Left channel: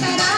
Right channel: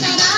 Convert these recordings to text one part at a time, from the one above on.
da da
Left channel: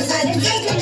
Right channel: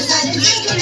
Thank you.